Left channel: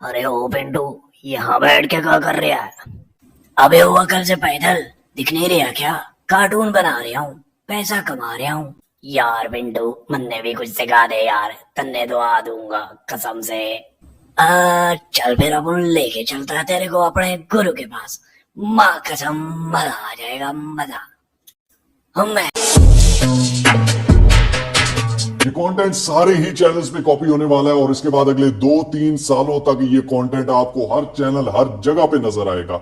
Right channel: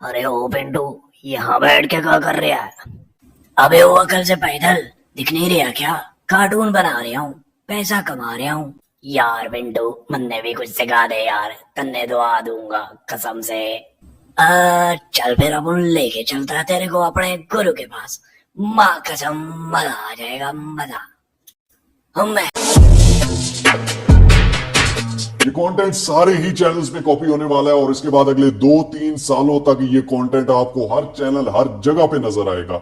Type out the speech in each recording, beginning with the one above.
अरे ओ पिंटू, यहाँ बैठ के क्या कर रहा है? अबे वो कल से पैदल दिख नहीं रहा क्या? कार्टून बना रहा हूँ, पैसा कमा रहा हूँ। यार पिंटू, मन्ने भी कुछ सिखा दे यार, तन्ने तो आ दूंगा कसम से। चल फिर अपन लेके चलता है तेरे को अपने गुरु के पास। माँ कसम, मजा आ जाएगा मजा। हम ये कंटेंट सारे ही चैनल्स में कॉपी होने वाला है और इसके बाद अगले 2-3 सालों तक ये कंटेंट आपको हर चैनल हर जगह पे नजर आएगा।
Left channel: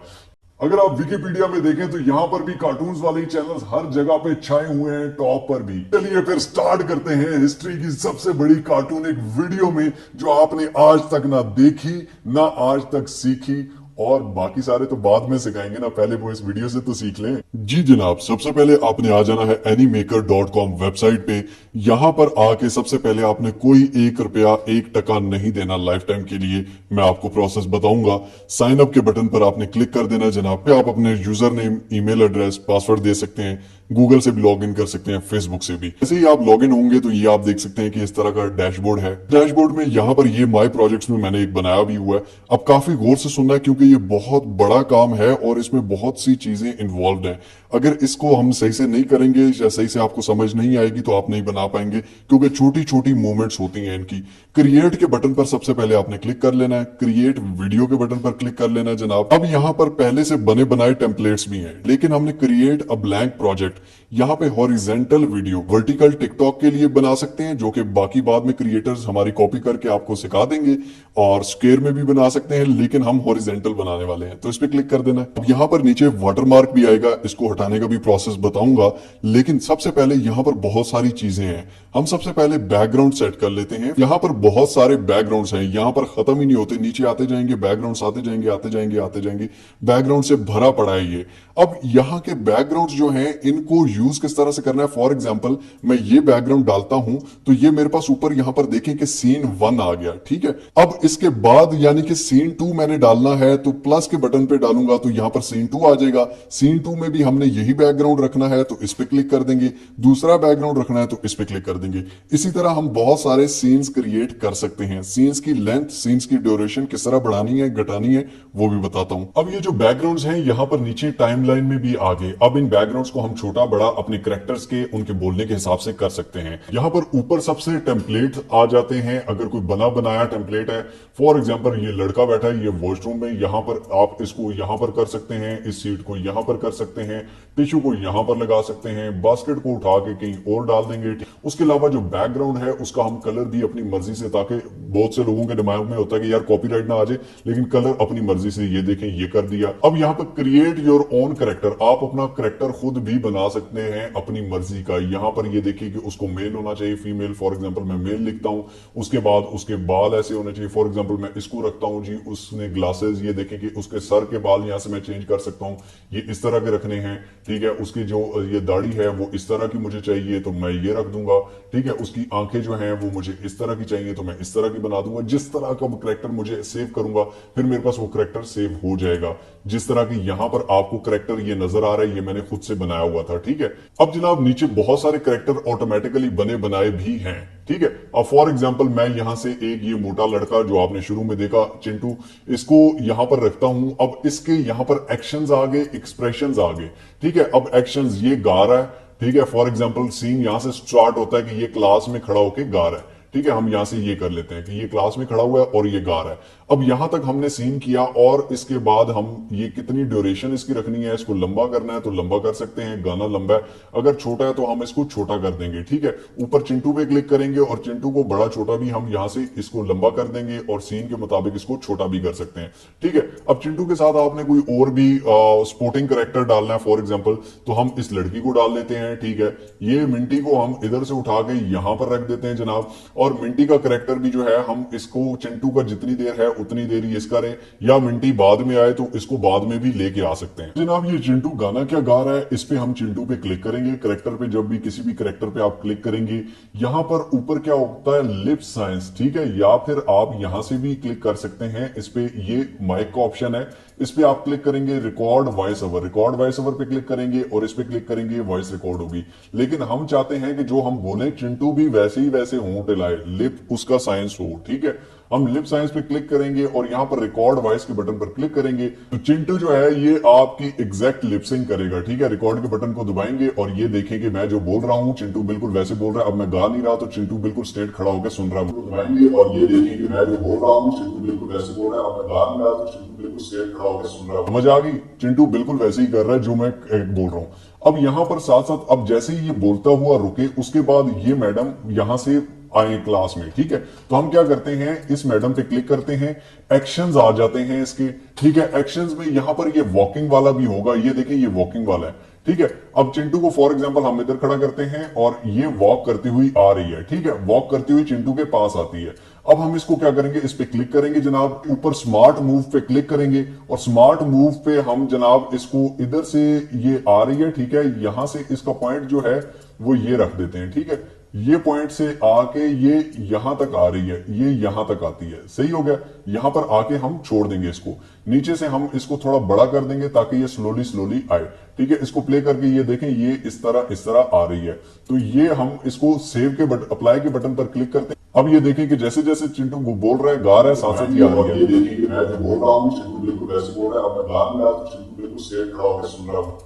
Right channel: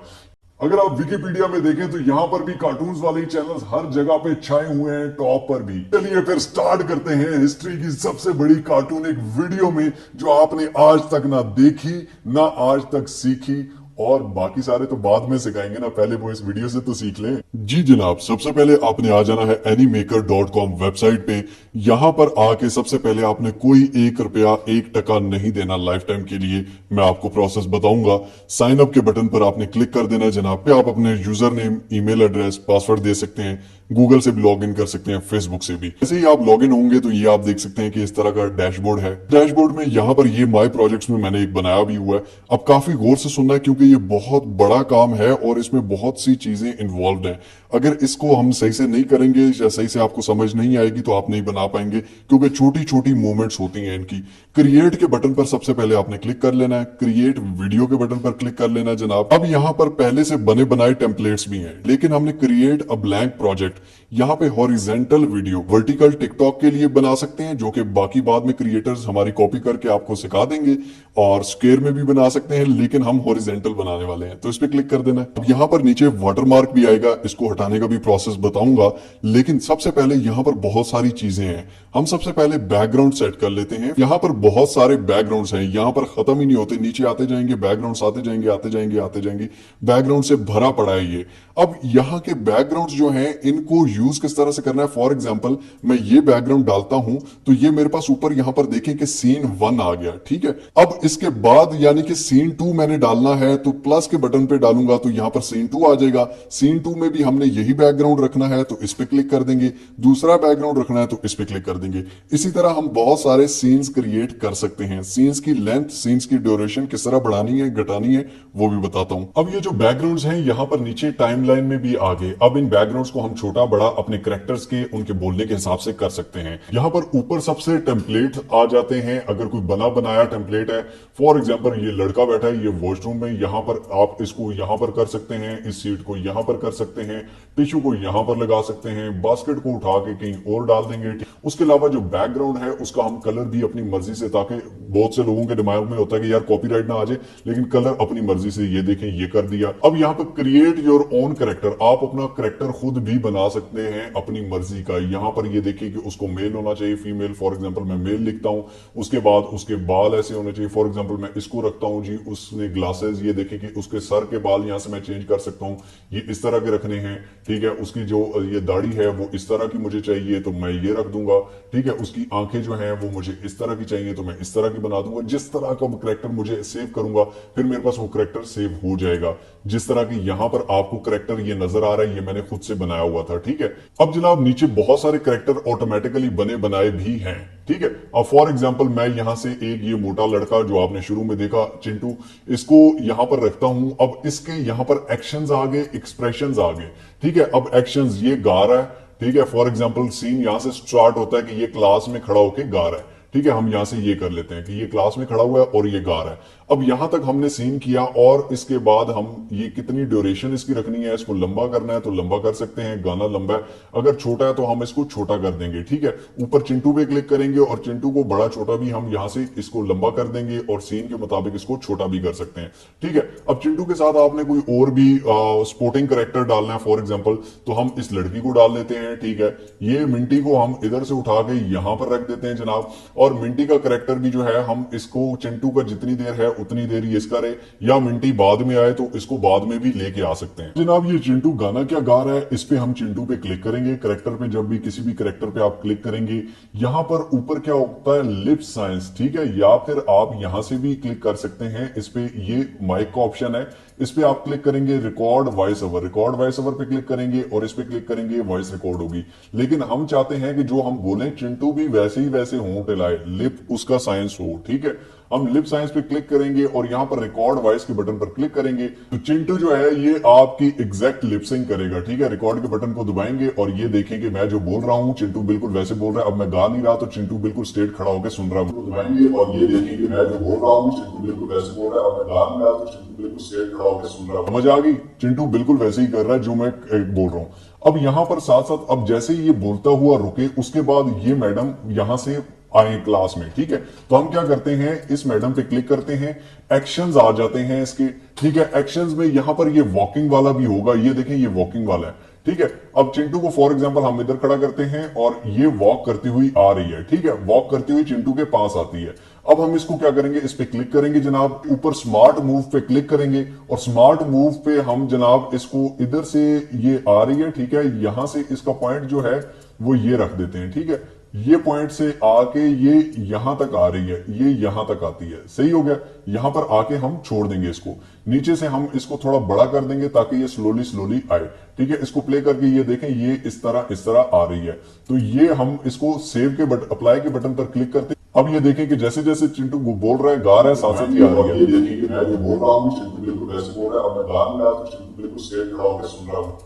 अगर आप विकिपीडिया में देखें तो यहां पर भी कार्टून्स वाले ही चैनल्स हर जगह पे छाए हुए हैं, टॉप पर भी। चलिए फिर स्टार्ट करते हैं हिस्ट्री की सबसे बड़ी कार्टून एक वीडियो में जो आपने आज तक ना देखी ना आज तक सीखी, और बाकी सारे तो बाद में सिखाएंगे ना, पहले वो इस वीडियो से तो सीख लें। जी जनाब, सबसे पहले आपने आ जाना है एनीमेकर.com वेबसाइट पे। यहाँ पर आके सबसे पहले आपने कोई 1 रुपया 1 टका नहीं देना लाइफ टाइम के लिए। मैं आपको प्रोसेस बताऊंगा। साइन अप के बटन पर आपने क्लिक कर देना जनाब। पे आप अपने user name, email address, password दे सकते हैं। गूगल से भी लॉग इन कर सकते हैं, फेसबुक से भी। जैसे ही आप लॉग इन होंगे तो ये आप देख सकते हैं कि इस तरह का डैशबोर्ड है। डैशबोर्ड में यहाँ पर ये माई प्रोजेक्ट्स में मैंने एक बनाया भी हुआ है। अब काफी गौर से सुनना है क्योंकि ये बहुत बड़ा काम है और इसमें बहुत सी चीजें इन्वॉल्व हैं। अगर इसको हम सही से नहीं करेंगे या सही से आपको समझ नहीं आएगी तो आप नहीं बना पाएंगे, क्योंकि छोटी छोटी मूवमेंट्स होती हैं इनकी। क्रिएट के बटन पर सबसे पहले आपने क्लिक कर लेना है। क्रिएट वीडियो के बटन पर क्लिक कर लेना जनाब। अब यहाँ पर पहले से बने बनाए टेम्पलेट्स भी हैं, लेकिन हमने क्रिएट अ ब्लैंक प्रोजेक्ट, यहाँ पे हॉरिजेंटल वीडियो, वर्टिकल टिकटॉक के लिए बना सकते हैं, जो कि बाकी बाद में क्रिएटर्स हमारी कॉपी करके आपको सिखा देंगे। और स्क्वायर में भी बना सकते हैं, लेकिन हम हॉरिजेंटल बनाने वाले हैं तो इस पे क्लिक कर देना है। अब यहाँ पर नीचे वाटरमार्क भी आएगा, इसको हटाने का भी प्रोसेस बताऊंगा। लेकिन सबसे पहले यहाँ पर बहुत सारी चीजें हैं। हम सबसे पहले बैकग्राउंड सेट कर लेते हैं। यहाँ पर बहुत सारे बैकग्राउंड्स हैं, यहाँ पर खत्म ही नहीं होते, नीचे आते जाएंगे बैकग्राउंड्स, आते जाएंगे आते जाएंगे आते जाएंगे। बैकग्राउंड से भरा पड़ा है ये। अब यहाँ के बैकग्राउंड्स जो हैं इनको यूज किस तरह से करना है। फॉर एग्जाम्पल मैं ये बैकग्राउंड डालता हूं तो ये मेरे पास ऊपर यहाँ पर देखें कि सीन 1 आ गया, ठीक है। अब इसके बाद यानी कि सीन 2 मैंने डालना है तो प्लस के बटन पे डालूंगा तो यहाँ पर सीन 2 आ जाएगा। सीन 2 में भी हमने यही बैकग्राउंड रखना है तो इस पे क्लिक कर देंगे। दूसरा बैकग्राउंड रखना है तो इस पे क्लिक कर देंगे। इसी तरह हम बहुत सारे सीन्स क्रिएट कर सकते हैं। सीन्स की लेंथ, सीन्स की ड्यूरेशन किस तरह बढ़ानी है घटानी है वो भी बताता हूं। अब ये जो बैकग्राउंड्स हैं यहाँ पर नीचे टाइमलाइन में भी आ गए। अब इन बैकग्राउंड्स को हम छोटा बड़ा अपने कैरेक्टर्स के उनके बोलने के हिसाब से कर सकते हैं। यहाँ पर ऊपर सबसे टेम्पलेट आ जाते हैं। अगर कोई बना बनाया टेम्पलेट है, फॉर एग्जाम्पल ये लड़का बैठा है, ये वॉशरूम में, यहाँ पर आप इसको यहाँ पर कर सकते हैं, इस सीट को यहाँ पर कर सकते हैं, टिश्यू को यहाँ पर लगा सकते हैं, बास्केट को उठा के कहीं और डाल देंगे। उसके अलावा जो बैकग्राउंड है उसका हम कलर भी अपनी मर्जी से, ताकि बहुत से लोगों के दिमाग में होता है कि यार कॉपीराइट ना आ जाए, लेकिन कलर अपनी मर्जी से, ये देखें ये कर दिया। अब यहाँ पर क्रिएट योर ओन करेक्टर, आप अपना करेक्टर खुद भी बना सकते हैं अपनी मर्जी का। यहाँ पर ये देखिए कि उसको मेल होना चाहिए, फीमेल, फॉर एग्जाम्पल मैं मेल लिखता हूँ। उसके बाद उसके बाल ऐसे होने चाहिए, फॉर एग्जाम्पल मैं इसको रखता हूँ जी, उसने ग्लासेस, ये देखें कि उसके सर के बाल यहाँ से मैं चेंज कर सकता हूँ, ये इस तरह के रखने हैं, ठीक है। उसकी जो ये दाढ़ी है वो इस तरह की मुझे चाहिए तो मैं ये रख दूंगा, ठीक है। उसकी आंखें जो हैं वो मुझे इस तरह की चाहिए तो मैं इस तरह की बना दूंगा। जिस तरह का करेक्टर मुझे सेव करूंगा फिर मेरे पास वो करेक्टर सेव हो जाएगा। जिस तरह की यहाँ पर आपको करेक्टर ये नजर आ रहा है, ये मैंने खुद से बनाया हुआ था, ठीक है। अब जनाब नीचे बहुत सारे करेक्टर ऑटोमेटिकली बने बनाए भी हैं, ठीक है। अब फॉर एग्जाम्पल मैं यहाँ से एक ये मोटा लड़का जो आपने शुरू में देखा चिंटू, इसको यहाँ पर रखता हूं। अब इसके यहाँ पर एक्शंस आ गए, एक्सप्रेशंस आ गए, ठीक है। अब एक्शंस, ये गा रहा है, ठीक है। फॉर एग्जाम्पल सीन यहाँ से स्टार्ट होता है कि ये क्लास में खड़ा होकर गा रहा है, ठीक है। हम यहां से ये कर लेते हैं कि ये क्लास में खड़ा हुआ है और ये गा रहा है। अब यहां तक हमने सीन किया और इसके बाद हम ये कितनी ड्यूरेशन इसकी रखनी है, इसको लंबा करना है तो लंबा कर सकते हैं, गाना लंबा है। अगर छोटा है तो हम इसको छोटा कर देंगे, ठीक है। ऊपर चिंटू पे क्लिक करेंगे और चिंटू को बड़ा छोटा भी हम यहां से इसको लंबा कर देंगे और सीन के मुताबिक इसको छोटा भी कर सकते हैं, ठीक है। अब चिंटू के साथ आपने कोई और भी स्पोर्टिंग करेक्टर डालना है, फॉर एग्जाम्पल तो हम इस लड़की को डाल देते हैं, ठीक है। ये मिंटी को हम इधर से उठा के यहां पर रख देते हैं जनाब। और मिंटी का करेक्टर भी जो है हम इसको चिंटू का जितनी देर है उतनी देर ये इसका रहे, या मिंटी बाद में आए तो इसको बाद में भी लेके आ सकते हैं जनाब। ये चिंटू गाना क्या गा रहा है, इस पे हम चिंटू पे क्लिक करेंगे। करेक्टर पे जब भी किसी भी करेक्टर पे आप क्लिक करेंगे, यहां पर ऊपर क्या होता है, लिप साइंस, ठीक है। या फिर आप यहां से भी क्लिक कर सकते हैं इस पे, ये माइक का ऑप्शन है, इस पे आप क्लिक करेंगे, record voice over, record voice over पे क्लिक करेंगे और इस पे क्लिक करेंगे, वॉइस रिकॉर्ड होगी। लेकिन हम चाहते हैं कि जो हम बोले चिंटू भी वैसे ही वैसे होंठ हिलाए, लिप उसका साइंस हो, ठीक है। हम लिप साइंस पे क्लिक करेंगे और यहाँ पर रिकॉर्ड वॉइस के बटन पर क्लिक करेंगे तो चिंटू जो है ये आपकी एग्जैक्ट लिपसिंग करेगा। ठीक है, रिकॉर्ड के बटन को दबाएंगे और ये देखेंगे मैं जो बोल रहा हूँ चिंटू बिल्कुल वैसे बोल रहा है। अब मैं गा नहीं रहा तो चिंटू बिल्कुल स्ट्रेट खड़ा होकर सुन रहा है। दबाएंगे और ये देखेंगे मैं जो बोल रहा हूँ चिंटू बिल्कुल वैसे बोल रहा है। अब मैं गा नहीं रहा तो चिंटू बिल्कुल स्ट्रेट खड़ा होकर सुन रहा है। समझ आ गई? चिंटू बिल्कुल वैसे ही कर रहा है जो मैं बोल रहा हूँ। अब यहाँ पर साथ साथ अब जैसे ही ये बोलता हुआ रुके उसके बाद ये मैडम यहाँ से आए क्लास में। ठीक है, तो हम क्या करते हैं इस मैडम पे क्लिक करते हैं, एक्शंस आ जाते हैं इसके। ठीक है, एक्शंस में यहाँ पर ये वॉकिंग वाला भी होगा, ये देखें ये वॉकिंग वाला है। ठीक है, अब चिंटू को फॉर एग्जांपल हम इधर खड़ा करते हैं और ये वॉक करती हुई आ रही है। ठीक है, वॉक करती हुई चिंटू के पास आती है। अब हम इसको क्या करेंगे, इस पे क्लिक करेंगे जनाब, ऊपर स्मार्ट मूव पे क्लिक करेंगे और स्मार्ट मूव पे हम जनाब इसको इधर से ये आ रही है। ठीक है, यहां से इसका पॉइंट जो है वो ये रख देते हैं। ठीक है, ये पॉइंट से आके ये यहां तक आ रही है, ये यहां तक आती है। सही हो गया, यहां पर आके हम छोड़ देंगे इसको। नीचे से हम इसको थोड़ा बड़ा कर देंगे ताकि ये स्लोली स्लोली आए। ठीक है, इसको प्ले करके ये देखें ये इस तरह आ रही है। तो ये हम इसको सेव के अप्लाई के बटन पर क्लिक करते हैं। अब ये देखें कि जैसे जैसे चिंटू बोल रहा है गा रहा है साथ साथ ही आ रही है। ये देखिए कि मैं जो बोल रहा हूँ चिंटू बिल्कुल वैसे बोल रहा है। अब मैं गा नहीं रहा तो चिंटू बिल्कुल स्ट्रेट खड़ा होकर सुन रहा हूँ।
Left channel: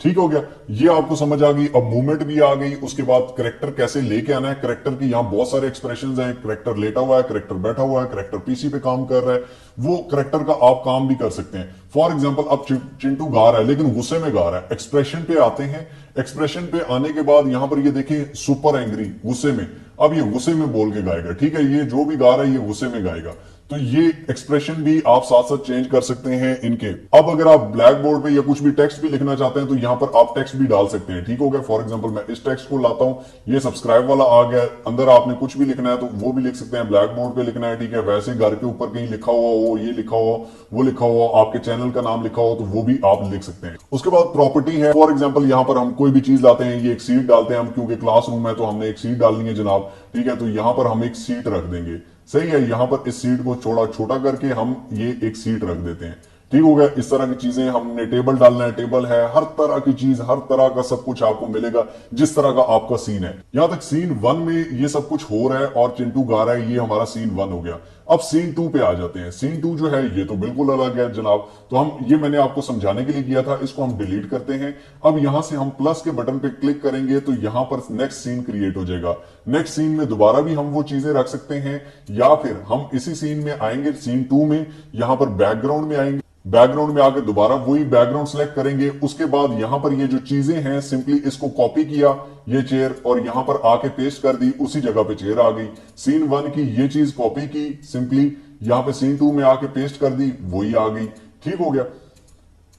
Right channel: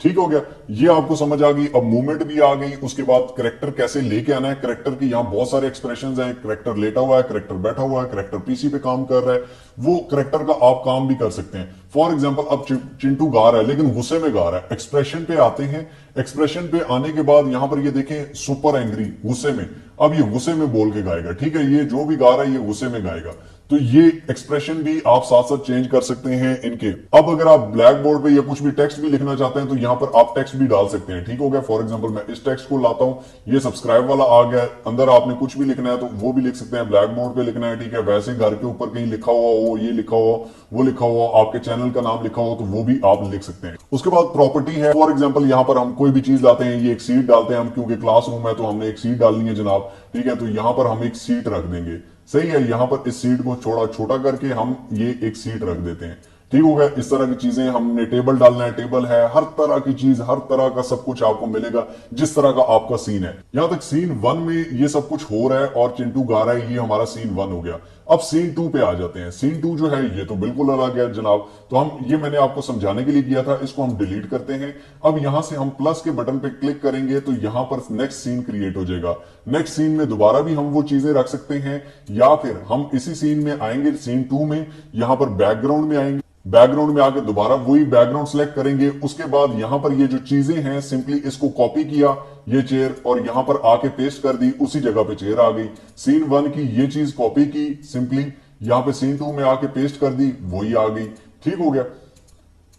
ठीक हो गया, ये आपको समझ आ गई। अब मूवमेंट भी आ गई। उसके बाद करेक्टर कैसे लेके आना है, करेक्टर की यहाँ बहुत सारे एक्सप्रेशंस हैं। करेक्टर लेटा हुआ है, करेक्टर बैठा हुआ है, करेक्टर पीसी पे काम कर रहा है, वो करेक्टर का आप काम भी कर सकते हैं। फॉर एग्जाम्पल अब चिंटू गा रहा है लेकिन गुस्से में गा रहा है। एक्सप्रेशन पे आते हैं, एक्सप्रेशन पे आने के बाद यहां पर ये देखें सुपर एंग्री, गुस्से में। अब ये गुस्से में बोल के गाएगा। ठीक है, ये जो भी गा रहा है ये गुस्से में गाएगा। तो ये एक्सप्रेशन भी आप साथ साथ चेंज कर सकते हैं इनके। अब अगर आप ब्लैक बोर्ड पे या कुछ भी टेक्स्ट भी लिखना चाहते हैं तो यहाँ पर आप टेक्स्ट भी डाल सकते हैं। ठीक हो गया, फॉर एग्जांपल मैं इस टेक्स्ट को लाता हूँ, ये सब्सक्राइब वाला आ गया। अंदर आपने कुछ भी लिखना है तो वो भी लिख सकते हैं, ब्लैक बोर्ड पे लिखना है। ठीक है, वैसे घर के ऊपर कहीं लिखा हुआ हो, ये लिखा हुआ, वो लिखा हुआ, आपके चैनल का नाम लिखा हो तो वो भी आप लिख सकते हैं। उसके बाद प्रॉपर्टी है, फॉर एग्जाम्पल यहाँ पर हम कोई भी चीज लाते हैं, ये एक सीट डालते हैं हम, क्योंकि क्लासरूम है तो हमने एक सीट डालनी है जनाब। ठीक है, तो यहाँ पर हम एक सीट रख देंगे। सही है, यहां पर इस सीट को छोटा करके हम ये एक सीट रख देते हैं। ठीक हो गया, इस तरह की चीजें हमने टेबल डालना है, टेबल है, हर तरह की चीज, हर तरह का सब कुछ आपको मिलेगा जिस तरह का आपका सीन है। यहां तक सीन 1 में ये सब कुछ हो रहा है और चिंटू गा रहा है, ये हमारा सीन 1 हो गया। अब सीन 2 पे आ जाते हैं। सीन 2 जो है ये तो बिल्कुल अलग है जनाब। तो हम ये मैंने आपको समझाने के लिए किया था, इसको हम डिलीट करते हैं। अब यहां से हम प्लस के बटन पे क्लिक करेंगे तो यहां पर नेक्स्ट सीन क्रिएट हो जाएगा। नेक्स्ट सीन में दोबारा भी हम वो चीजें रख सकते हैं या फिर हम इसी सीन में आएंगे, सीन 2 में, यहां पर बैकग्राउंड में आएंगे। बैकग्राउंड में आकर दोबारा वही बैकग्राउंड सेलेक्ट करेंगे। उसके बाद यहां पर ये जो चीजें हैं सिंपली इसको कॉपी किया, ये चेयर, और यहां पर आके पेस्ट कर दी, उसी जगह पे चेयर आ गई। सीन 1 की ये चीज कॉपी की, सिंपली यहां पे सीन 2 में आके पेस्ट कर दी, वही आ गई। ठीक हो गया।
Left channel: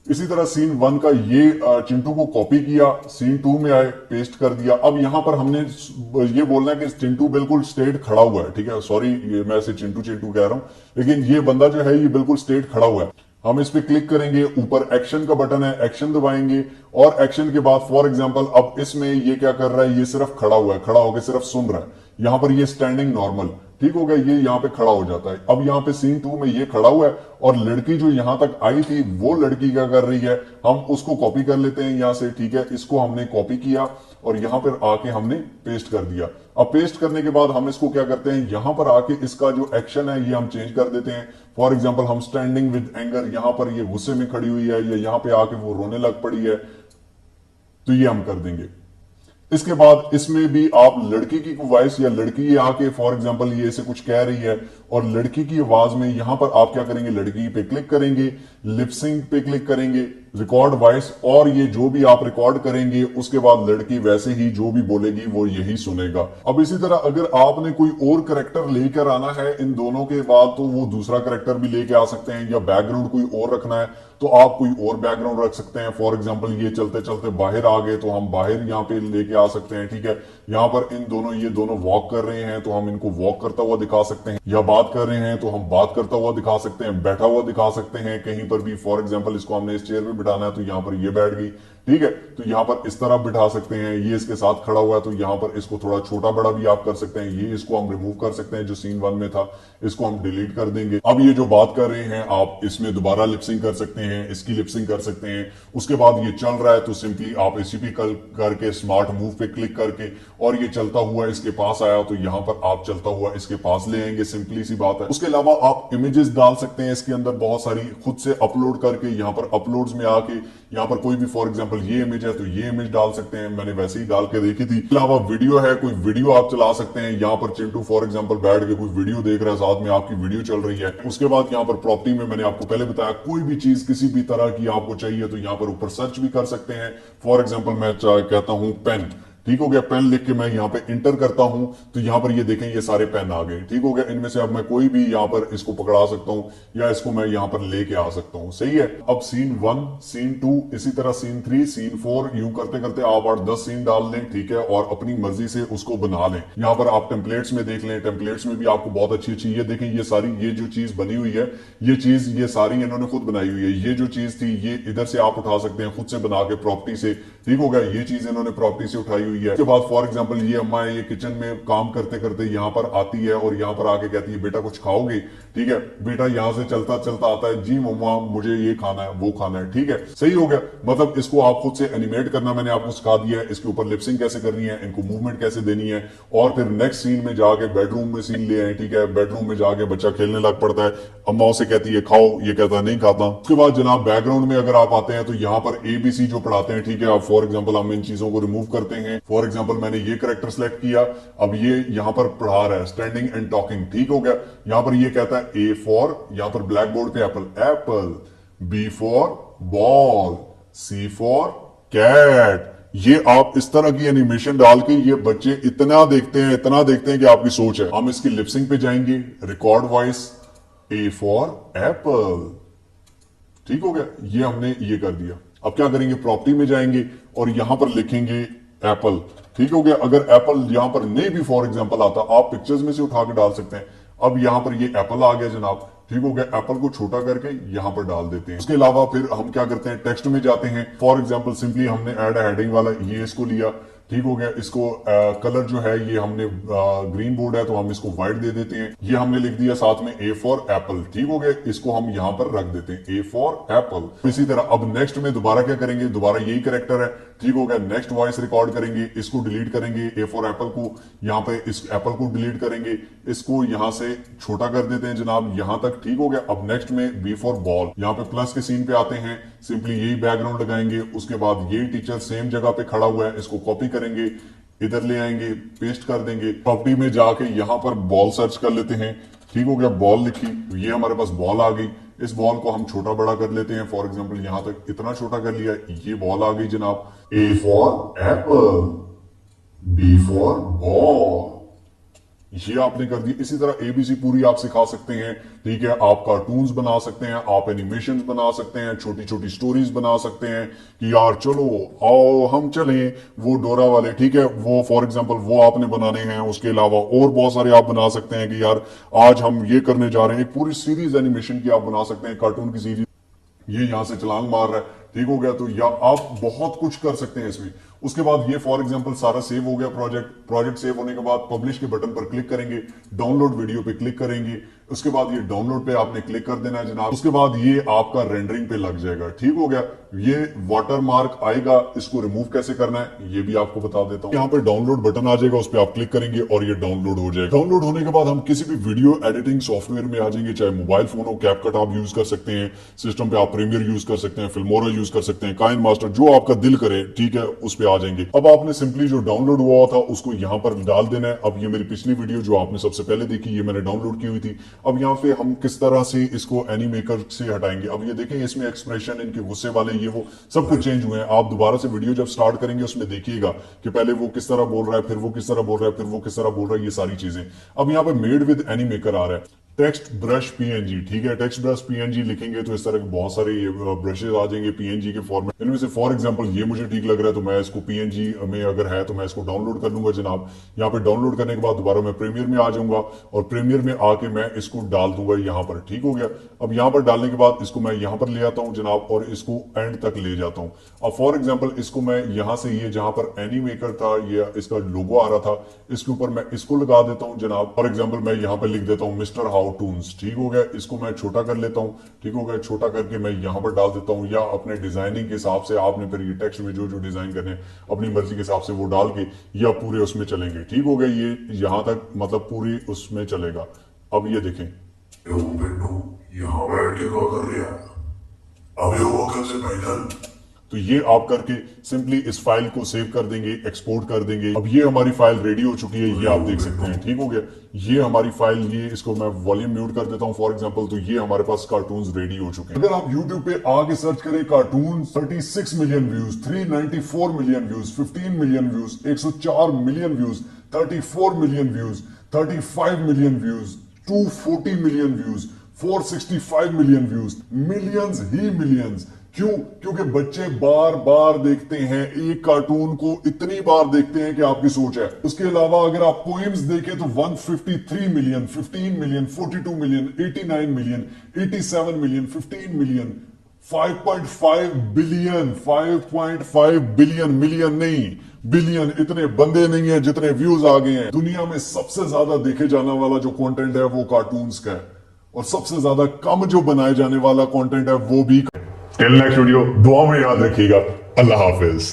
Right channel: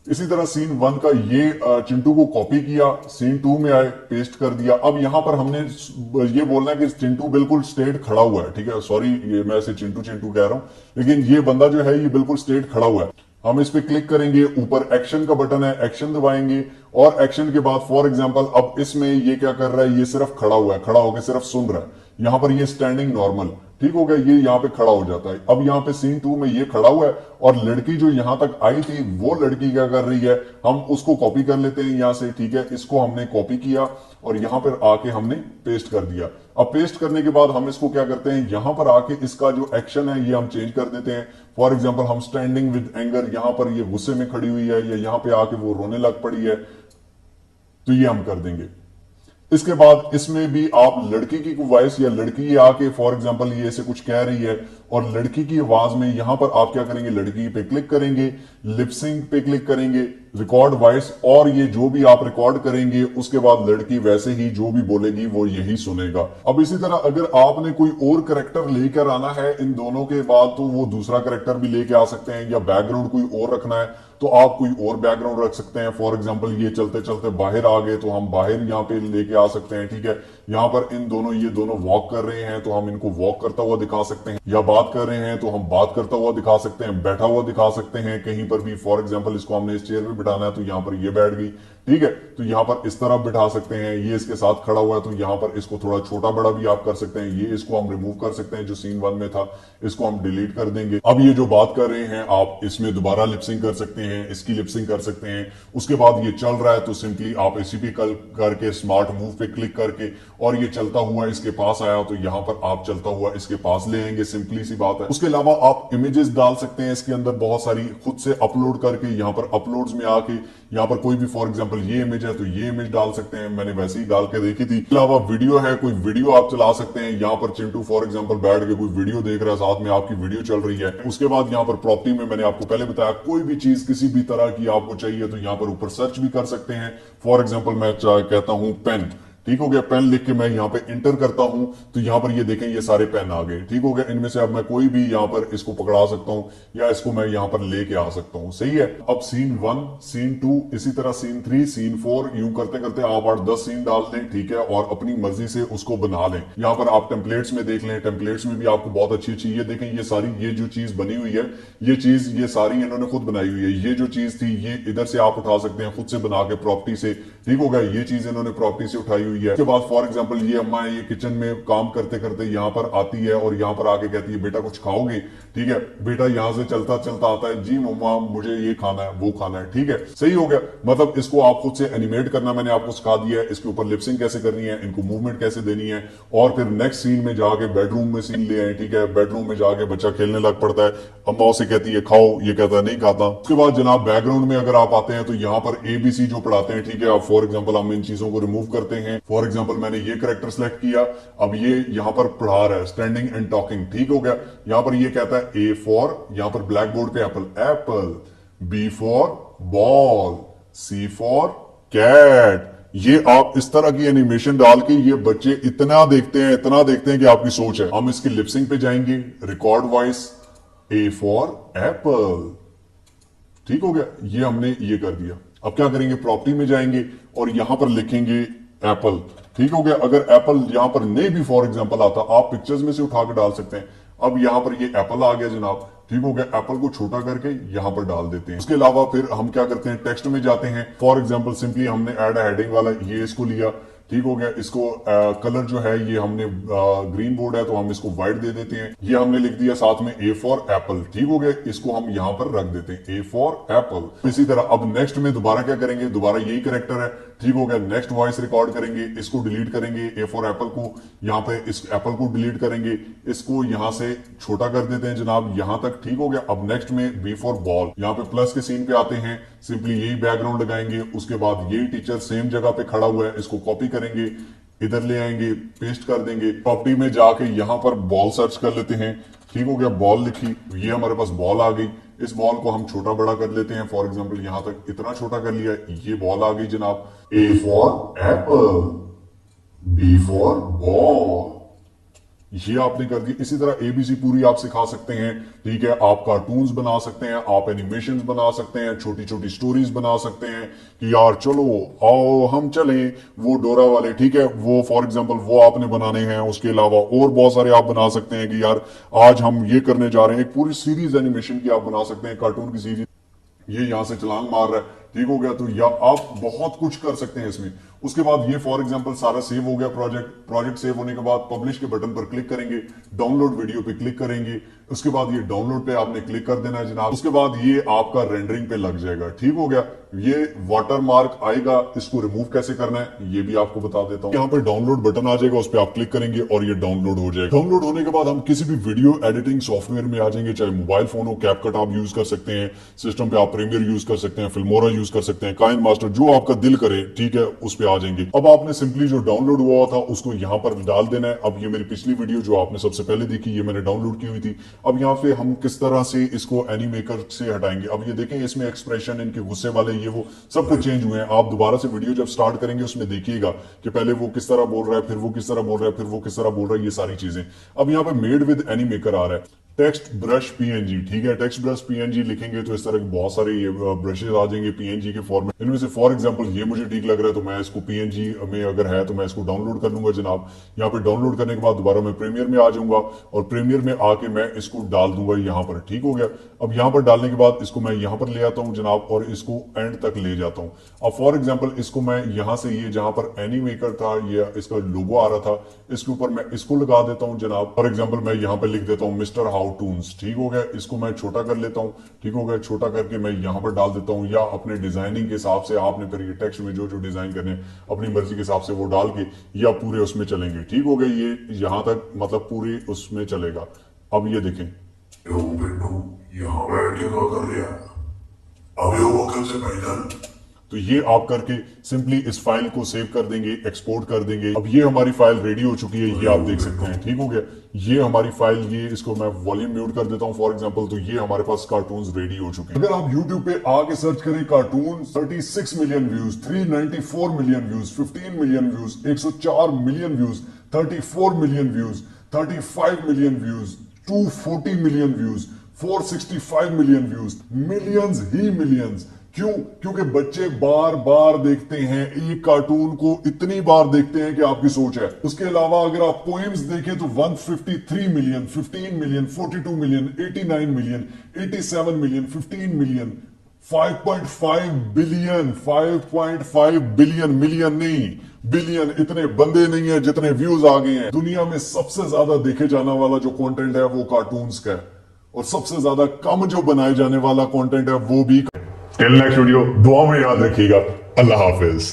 इसी तरह सीन 1 का ये चिंटू को कॉपी किया, सीन 2 में आए, पेस्ट कर दिया। अब यहां पर हमने ये बोलना है कि चिंटू बिल्कुल स्ट्रेट खड़ा हुआ है। ठीक है, सॉरी ये मैं ऐसे चिंटू चिंटू कह रहा हूं, लेकिन ये बंदा जो है ये बिल्कुल स्ट्रेट खड़ा हुआ है। हम इस पे क्लिक करेंगे, ऊपर एक्शन का बटन है, एक्शन दबाएंगे और एक्शन के बाद फॉर एग्जांपल अब इसमें ये क्या कर रहा है, ये सिर्फ खड़ा हुआ है, खड़ा होकर सिर्फ सुन रहा है। यहां पर ये स्टैंडिंग नॉर्मल, ठीक हो गया, ये यहाँ पे खड़ा हो जाता है। अब यहाँ पे सीन 2 में ये खड़ा हुआ है और लड़की जो यहां तक आई थी वो लड़की क्या कर रही है, हम उसको कॉपी कर लेते हैं यहां से। ठीक है, इसको हमने कॉपी किया और यहां पर आके हमने पेस्ट कर दिया। अब पेस्ट करने के बाद हम इसको क्या करते हैं, यहां पर आके इसका जो एक्शन है ये हम चेंज कर देते हैं। फॉर एग्जाम्पल हम स्टैंडिंग विद एंगर, यहां पर ये गुस्से में खड़ी हुई है, या यहां पे आके वो रोने लग पड़ी है, तो ये हम कर देंगे। इसके बाद इसमें भी आप लड़की की वॉइस या लड़की आके फॉर एग्जांपल ये ऐसे कुछ कह रही है और लड़की की आवाज में यहां पर आप क्या करेंगे, लड़की पे क्लिक करेंगे, लिपसिंग पे क्लिक करेंगे, रिकॉर्ड वॉइस, और ये जो भी आप रिकॉर्ड करेंगे उसके बाद लड़की वैसे ही जो भी बोलेगी वो यही सुनेगा। अब इसी तरह अगर आपने कोई और करेक्टर लेकर आना है इन दोनों के बाद तो वो दूसरा करेक्टर भी लेके आ सकते हैं, या बैकग्राउंड कोई और रखना है तो आप कोई और बैकग्राउंड रख सकते हैं। फॉर एग्जांपल ये चलते चलते बाहर आ गए तो हम बाहर यहाँ पे लेके आ सकते हैं। ठीक है, यहाँ पर इन दोनों, ये दोनों वॉक कर रहे हैं तो हम इनको वॉक करता हुआ दिखा सकते हैं, या बात कर रहे हैं तो हम बात करता हुआ दिखा सकते हैं, बैठा हुआ दिखा सकते हैं कहीं पर भी। फॉर एग्जाम्पल इसको हमने इस चेयर पे बिठाना है तो यहाँ पर ये बैठ गई, ठीक है। तो यहाँ पर इस तरह बिठा सकते हैं, ये इसके साथ खड़ा हुआ है तो यहाँ पर इसको थोड़ा छोटा बड़ा भी आप कर सकते हैं। ये इसको हम रिमूव कर सकते हैं, जो सीन 1 में था इसको हम डिलीट कर देंगे। अब ये जो बात कर रहे हैं आप इसमें दोबारा लिपसिंग कर सकते हैं, इसकी लिपसिंग कर सकते हैं। उसके बाद ये चल रहा है तो सिंपली आप एसीपी करके स्मार्ट मूव पे क्लिक करके और ये चलता हुआ इसके पास आया तो यहाँ पर आप चलता हुआ इसके पास ले आएंगे, सिंपली सी बात है। उसके अलावा आप इमेजेस डाल सकते हैं इसके अंदर बहुत सारी, खुद से अपलोड करके यहाँ पर अपलोड्स में आके यहाँ पर कोई भी फॉर एग्जांपल ये इमेज है तो ये इमेज डाल सकते हैं, मैंने वैसे ही डाल के देखी थी। इसके अलावा वीडियो है, कोई वीडियो आप चला सकते हैं। यहाँ पर चिंटू फॉर एग्जांपल बैठ के कोई वीडियो देख रहा है, साथ में आपकी वीडियो चल रही है। उसके बाद यहाँ पर प्रॉपर्टी में मैंने आपको पहले बताया कोई भी चीज किसी भी तरह की आपको चाहिए तो यहाँ पर ऊपर सर्च भी कर सकते हैं। फॉर एग्जाम्पल मैं कहता हूं पेन, ठीक हो गया, पेन लिख के मैं यहाँ पे इंटर करता हूं तो यहाँ पर ये देखें ये सारे पेन आ गए, ठीक हो गया। इनमें से अब मैं कोई भी यहाँ पर इसको पकड़ा सकता हूं या इसको मैं यहाँ पर लेके आ सकता हूं, सही है। अब सीन 1, सीन 2, इसी तरह सीन 3, सीन 4, यूं करते करते आप 8-10 सीन डाल लें, ठीक है, और अपनी मर्जी से उसको बना लें। यहाँ पर आप टेम्पलेट्स में देख लें, टेम्पलेट्स में भी आपको बहुत अच्छी अच्छी, ये देखें ये सारी, ये जो चीज बनी हुई है ये चीज ये सारी इन्होंने खुद बनाई हुई है। ये जो चीज थी ये इधर से आप उठा सकते हैं खुद से बना के प्रॉपर्टी से, ठीक हो गया। ये चीज इन्होंने प्रॉपर्टी से उठाई हुई है। उसके बाद फॉर एग्जांपल ये अम्मा ये किचन में काम करते करते यहाँ पर आती है और यहाँ पर आके कहती है बेटा कुछ खाओगे, ठीक है। बेटा यहाँ से चलता चलता आता है, जी मम्मा मुझे ये खाना है वो खाना है, ठीक है, सही हो गया। मतलब इसको आप खुद से एनिमेट करना मैंने आपको सिखा दिया है, इसके ऊपर लिपसिंग कैसे करनी है, इनको मूवमेंट कैसे देनी है, और फिर नेक्स्ट सीन में जाके बेडरूम में सीन ले आए, ठीक है। बेडरूम में जाके बच्चा खेलने लग पड़ता है, अम्मा उसे कहती है खाओ, ये कहता है नहीं खाता। उसके बाद जनाब बैकग्राउंड में अगर आप आते हैं तो यहाँ पर ABC जो पढ़ाते हैं, ठीक है। आप फॉर एग्जांपल हम इन चीजों को रिमूव करते हैं। फॉर एग्जांपल मैंने ये करेक्टर सेलेक्ट किया, अब ये यहाँ पर पढ़ा रहा है स्टैंडिंग एंड टॉकिंग, ठीक हो गया। यहाँ पर ये कहता है A फॉर, यहाँ पर ब्लैक बोर्ड पे apple, apple, B for ball, C for cat. ये आप इस तरह की एनिमेशन डाल के ये बच्चे इतना देखते हैं, इतना देखते हैं कि आपकी सोच है। हम इसकी लिपसिंग पे जाएंगे, record voice, A for Apple, ठीक हो गया। ये हमने ये कर दिया। अब क्या करेंगे, प्रॉपर्टी में जाएंगे और यहां पर लिखेंगे एप्पल, ठीक हो गया। अगर एप्पल यहां पर नहीं भी फॉर एग्जांपल आता, आप पिक्चर्स में से उठा के डाल सकते हैं। अब यहां पर ये एप्पल आ गया जनाब, ठीक हो गया। एप्पल को छोटा करके यहां पर डाल देते हैं। उसके अलावा फिर हम क्या करते हैं, टेक्स्ट में जाते हैं। फॉर एग्जांपल सिंपली हमने ऐड हेडिंग वाला ये इसको लिया, ठीक हो गया। इसको कलर जो है ये हमने ग्रीन बोर्ड है तो हम इसको व्हाइट दे देते हैं। ये हमने लिख दिया साथ में A फॉर एप्पल, ठीक हो गया। इसको हम यहां पर रख देते हैं A फॉर एप्पल। इसी तरह अब नेक्स्ट में दोबारा क्या करेंगे, दोबारा यही कैरेक्टर है, ठीक हो गया। नेक्स्ट वॉइस रिकॉर्ड करेंगे, इसको डिलीट करेंगे, A फॉर एप्पल को यहाँ पे इस एप्पल को डिलीट करेंगे, इसको यहां से छोटा कर देते हैं जनाब यहां तक, ठीक हो गया। अब नेक्स्ट में B फॉर बॉल, यहाँ पे प्लस के सीन पे आते हैं, सिंपली यही बैकग्राउंड लगाएंगे। उसके बाद यही टीचर सेम जगह पे खड़ा हुआ है, इसको कॉपी करेंगे, इधर ले आएंगे, पेस्ट कर देंगे। प्रॉपर्टी में जाके यहां पर बॉल सर्च कर लेते हैं, ठीक हो गया। बॉल लिखी, ये हमारे पास बॉल आ गई। इस बॉल को हम छोटा बड़ा कर लेते हैं, फॉर एग्जांपल यहां तक इतना छोटा कर लिया, ये बॉल आ गई जनाब। A for Apple, B for ball, ये आपने कर दी। इसी तरह ABC पूरी आप सिखा सकते हैं, ठीक है। आप कार्टून्स बना सकते हैं, आप एनिमेशंस बना सकते हैं, छोटी छोटी स्टोरीज बना सकते हैं कि यार चलो आओ हम चलें, वो डोरा वाले, ठीक है, वो फॉर एग्जांपल वो आपने बनाने हैं। उसके अलावा और बहुत सारे आप बना सकते हैं कि यार आज हम ये करने जा रहे हैं। एक पूरी सीरीज एनिमेशन की आप बना सकते हैं, कार्टून की सीरीज। ये यहां से छलांग मार रहा है, ठीक हो गया। तो या आप बहुत कुछ कर सकते हैं इसमें। उसके बाद ये फॉर एग्जांपल सारा सेव हो गया प्रोजेक्ट सेव होने के बाद पब्लिश के बटन पर क्लिक करेंगे, डाउनलोड वीडियो पे क्लिक करेंगे। उसके बाद ये डाउनलोड पे आपने क्लिक कर देना है जनाब। उसके बाद ये आपका रेंडरिंग पे लग जाएगा, ठीक हो गया। ये वाटर मार्क आएगा, इसको रिमूव कैसे करना है ये भी आपको बता देता हूं। यहाँ पर डाउनलोड बटन आ जाएगा, उस पर आप क्लिक करेंगे और ये डाउनलोड हो जाएगा। डाउनलोड होने के बाद हम किसी भी वीडियो एडिटिंग सॉफ्टवेयर में आ जाएंगे, चाहे मोबाइल फोन हो, कैपकट आप यूज कर सकते हैं, सिस्टम पे आप प्रीमियर यूज कर सकते हैं, फिल्मोरा यूज कर सकते हैं, काइन मास्टर, जो आपका दिल करे, ठीक है, उस पर आ जाएंगे। अब आपने सिंपली जो डाउनलोड हुआ था उसको यहाँ पर डाल देना है। अब ये मेरी पिछली वीडियो जो आपने सबसे पहले देखी, ये मैंने डाउनलोड की हुई थी। अब यहाँ पे हम किस तरह से इसको एनीमेकर से हटाएंगे। अब ये देखें इसमें एक्सप्रेशन, इनके गुस्से वाले, ये वो सब कुछ चेंज हुए हैं। आप दोबारा से वीडियो जब स्टार्ट करेंगे उसमें देखिएगा कि पहले वो किस तरह बोल रहा है, फिर वो किस तरह बोल रहा है, फिर वो किस तरह बोल रहा है, ये सारी चीजें। अब यहाँ पे मेड विद एनीमेकर आ रहा है। टेक्स्ट ब्रश पीएनजी, ठीक है। टेक्स्ट ब्रश पीएनजी लिखेंगे तो इस तरह के बहुत सारे ये ब्रशेज आ जाएंगे पीएनजी के फॉर्मेट। इनमें से फॉर एग्जांपल ये मुझे ठीक लग रहा है तो मैं इसको पीएनजी में अगर है तो मैं इसको डाउनलोड कर लूंगा जनाब। यहाँ पे डाउनलोड करने के बाद दोबारा मैं प्रीमियर में आ जाऊंगा और प्रीमियर में आके मैं इसको डाल दूंगा यहाँ पर, ठीक हो गया। अब यहाँ पर डालने के बाद इसको मैं यहाँ पर ले आता हूँ जनाब और इसको एंड तक ले जाता हूँ। अब फॉर एग्जाम्पल इसको मैं यहाँ से ये जहां पर एनीमेकर था, ये इसका लोगो आ रहा था, इसके ऊपर मैं इसको लगा देता हूँ जनाब। फॉर एग्जाम्पल मैं यहाँ पे लिख देता हूँ मिस्टर हाउ टून्स, ठीक हो गया। इसको मैं छोटा कर लेता हूँ, ठीक हो गया। छोटा करके मैं यहाँ पर डाल देता हूँ, या अपने डिजाइनिंग के हिसाब से आपने फिर ये टेक्स्ट में जो जो डिजाइन करने अपनी मर्जी के हिसाब से वो डाल के या पूरे उसमें चलेंगे, ठीक हो गया। ये यहाँ तक मतलब पूरी उसमें चलेगा। अब ये देखें, यहाँ बैठ के क्या कर रहा है, अबे वो कैसे पैदल। तो ये आप करके सिंपली इस फाइल को सेव कर देंगे, एक्सपोर्ट कर देंगे। अब ये हमारी फाइल रेडी हो चुकी है, ये आप देख सकते हैं, ठीक हो गया। ये हमारी फाइल, ये इसको मैं वॉल्यूम म्यूट कर देता हूं फॉर एग्जांपल, तो ये हमारे पास कार्टून्स रेडी हो चुके हैं। अगर आप YouTube पे आके सर्च करें cartoon, 36 million views, 394 million views, 15 million views, 104 million views, 34 million views, 35 million views, 240 million views, 465 million views, millions ही मिलियंस। क्यों? क्योंकि बच्चे बार बार देखते हैं एक कार्टून को, इतनी बार देखते हैं कि आपकी सोच है। उसके अलावा अगर आप पोएम्स देखें तो 153 million, 15 million, 42 million, 89 million, 87 million, 15 million, 5.5 billion, 5.5 billion, million नहीं बिलियन। इतने बंदे नहीं है जितने व्यूज आ गए हैं। दुनिया में सबसे ज्यादा देखे जाने वाला जो कंटेंट है वो कार्टून्स का है, और सबसे ज्यादा कम जो बनाए जाने वाला कंटेंट है वो भी। टिल नेक्स्ट वीडियो, दुआ में याद रखिएगा। अल्लाह हाफिज।